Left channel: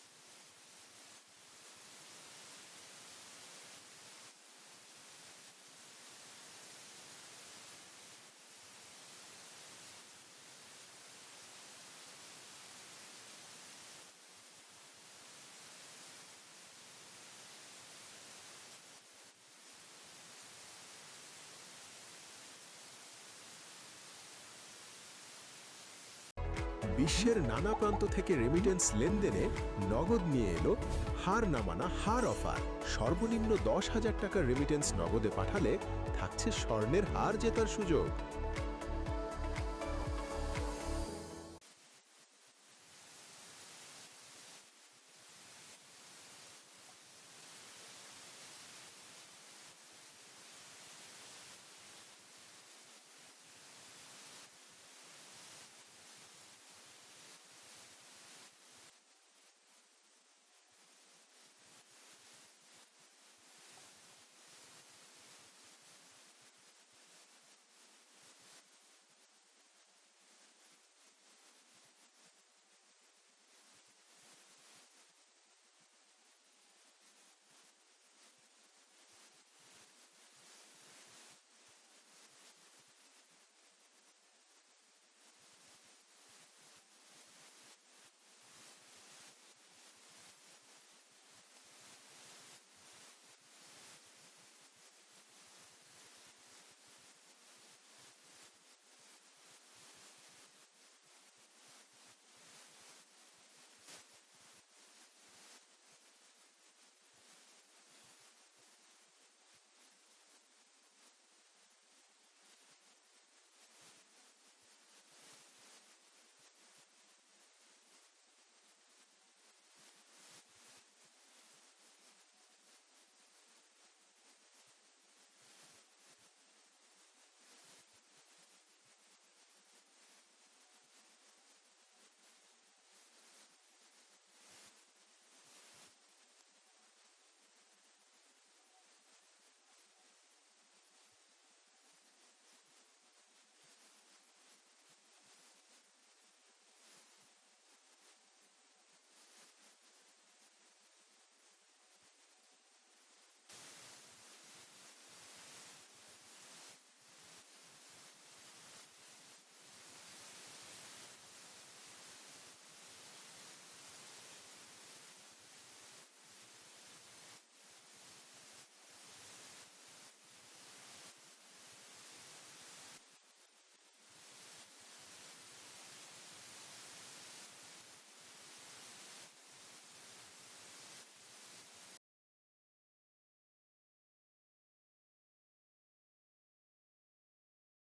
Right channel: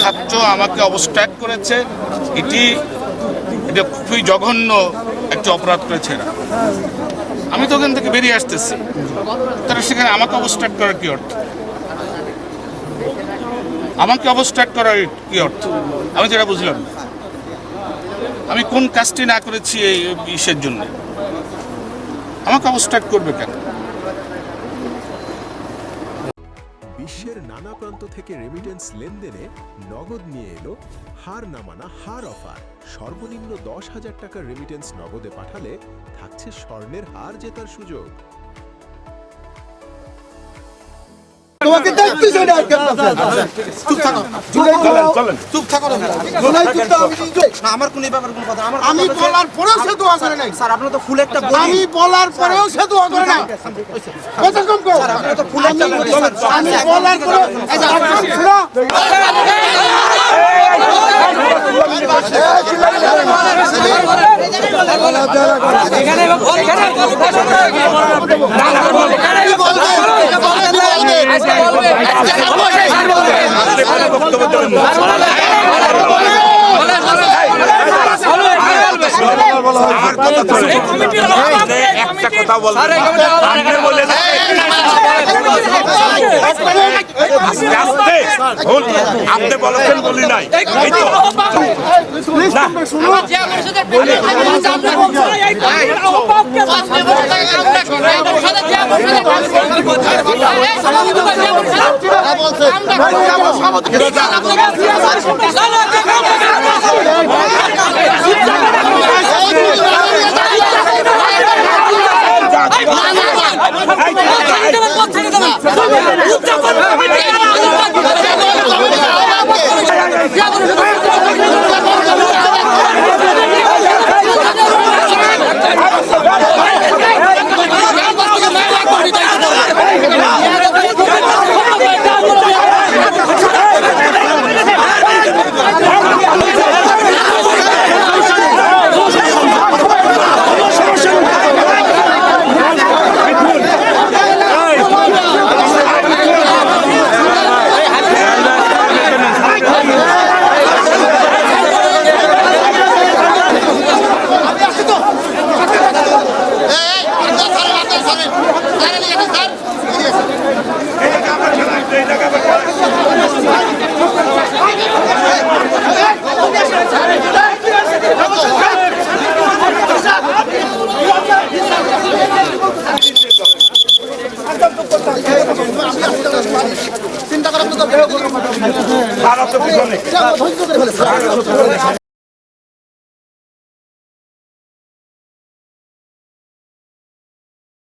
ছাত্র আমাকে অবস্ট্রাক্ট করেছে, এটা খুবই জঘন্য একটা অপরাধ করেছে। আমি তো ওখান থেকে বেরিয়ে আসতেছি, তারা সেখানে আমাকে অবস্ট্রাক্ট করার কি অর্থ? আমাকে অবস্ট্রাক্ট করার কি অর্থ? আমি যেটা বুঝলাম, আমি কোন কাজটি না করেছি এই ইসের জন্য আমাকে অবস্ট্রাক্ট করবে কেন? বিশ্বের নানা প্রান্ত থেকে রেমিটেন্স লেনদেনে নগদ নিয়ে এলো হার না মানা হার অফার। সর্বনিম্ন 10,000 টাকার রেমিটেন্স নগদে পাঠালে থাকছে স্বর্ণের হার জেতার সুযোগ। তোমাকে দেখতেছি না, চুপ থাকো, চুপ থাকো না। আমার কোন ব্যাপার কোন কথা আমি বলার পরেও সে দোয়া করে নাই স্যার। আপনারা তো ফুল একটা আমি বলার পরেও সে দোয়া করে না। কথা কম কর স্যার, আপনারা তো ফুল একটা আমি বলার পরে এখানে একটা কথা বলবেন, আপনি বলেছেন বলি নাই। চিন্তা করার